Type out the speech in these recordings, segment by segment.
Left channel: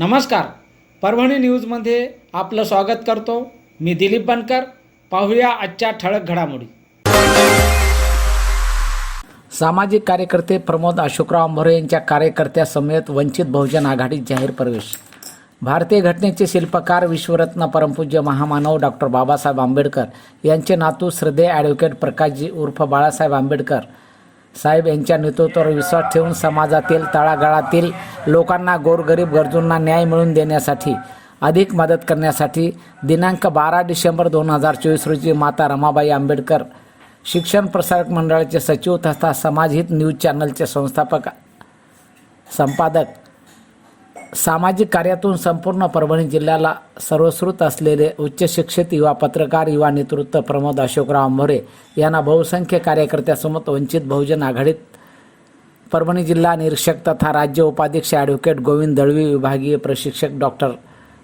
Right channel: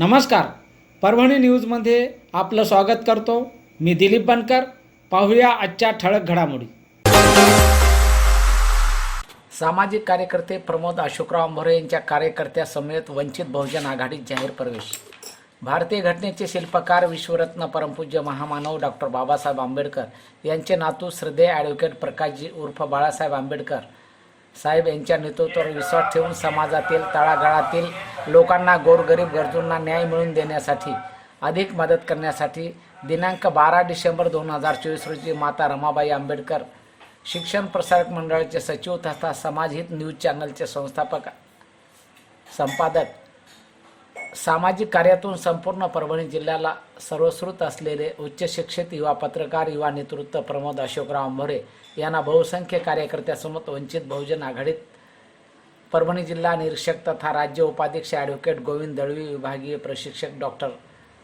नमस्कार, परभणी न्यूजमध्ये आपलं स्वागत करतो. मी दिलीप बनकर. पाहूया आजच्या ठळक घडामोडी. सामाजिक कार्यकर्ते प्रमोद अशोकराव आंभोरे यांच्या कार्यकर्त्यासमवेत वंचित बहुजन आघाडीत जाहीर प्रवेश. भारतीय घटनेचे शिल्पकार विश्वरत्न परमपूज्य महामानव डॉक्टर बाबासाहेब आंबेडकर यांचे नातू श्रद्धेय ॲडव्होकेट प्रकाशजी उर्फ बाळासाहेब आंबेडकर साहेब यांच्या नेतृत्वावर विश्वास ठेवून समाजातील तळागाळातील लोकांना, गोरगरीब गरजूंना न्याय मिळवून देण्यासाठी, अधिक मदत करण्यासाठी दिनांक 12 डिसेंबर 2024 रोजी माता रमाबाई आंबेडकर शिक्षण प्रसारक मंडळाचे सचिव तथा समाजहित न्यूज चॅनलचे संस्थापक संपादक, सामाजिक कार्यातून संपूर्ण परभणी जिल्ह्याला सर्वश्रुत असलेले उच्च शिक्षित युवा पत्रकार, युवा नेतृत्व प्रमोद अशोकराव आंभोरे यांना बहुसंख्य कार्यकर्त्यासमोर वंचित बहुजन आघाडीत परभणी जिल्हा निरीक्षक तथा राज्य उपाध्यक्ष ॲडव्होकेट गोविंद दळवी, विभागीय प्रशिक्षक डॉक्टर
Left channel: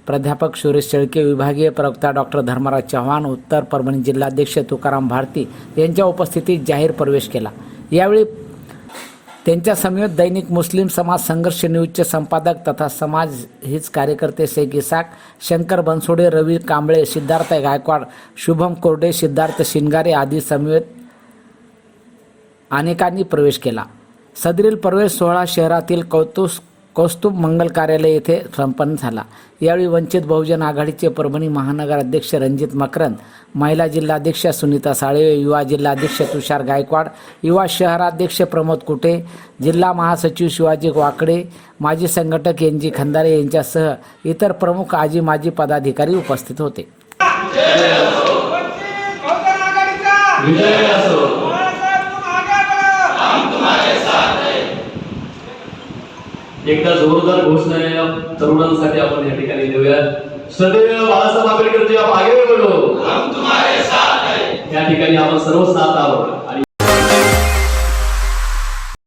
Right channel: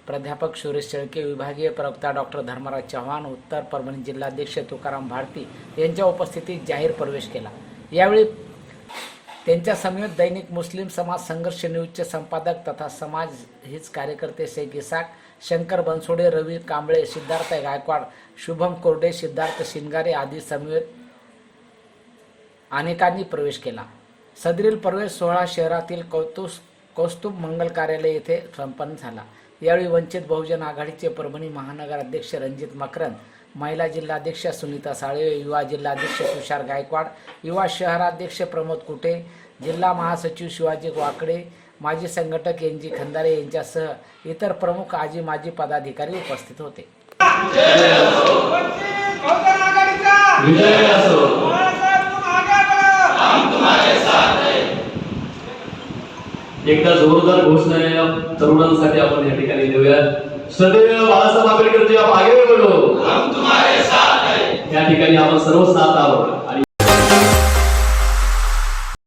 प्राध्यापक सुरेश शेळके, विभागीय प्रवक्ता डॉक्टर धर्मराज चव्हाण, उत्तर परभणी जिल्हाध्यक्ष तुकाराम भारती यांच्या उपस्थितीत जाहीर प्रवेश केला. यावेळी त्यांच्या समवेत दैनिक मुस्लिम समाज संघर्ष न्यूजचे संपादक तथा समाज हित कार्यकर्ते शेख इसाक, शंकर बनसोडे, रवी कांबळे, सिद्धार्थ गायकवाड, शुभम कोरडे, सिद्धार्थ शिंगारे आदी समवेत अनेकांनी प्रवेश केला. सदरील प्रवेश सोहळा शहरातील कौस्तुभ मंगल कार्यालय येथे संपन्न झाला. यावेळी वंचित बहुजन आघाडीचे परभणी महानगर अध्यक्ष रणजित मकरंद, महिला जिल्हाध्यक्ष सुनीता साळवे, युवा जिल्हाध्यक्ष तुषार गायकवाड, युवा शहराध्यक्ष प्रमोद कुटे, जिल्हा महासचिव शिवाजी वाकडे, माजी संघटक एन.जी. खंदारे यांच्यासह इतर प्रमुख आजी माजी पदाधिकारी उपस्थित होते. एकदा जोरदार घोषणा या तरुणांसाठी आपण या ठिकाणी देऊया. श्रद्धेय बाळासाहेब आंबेडकर जी, आप आगे बढ़ो, हम तुम्हारे साथ हैं. या ठिकाणी आपण सर्व साथ आहोत.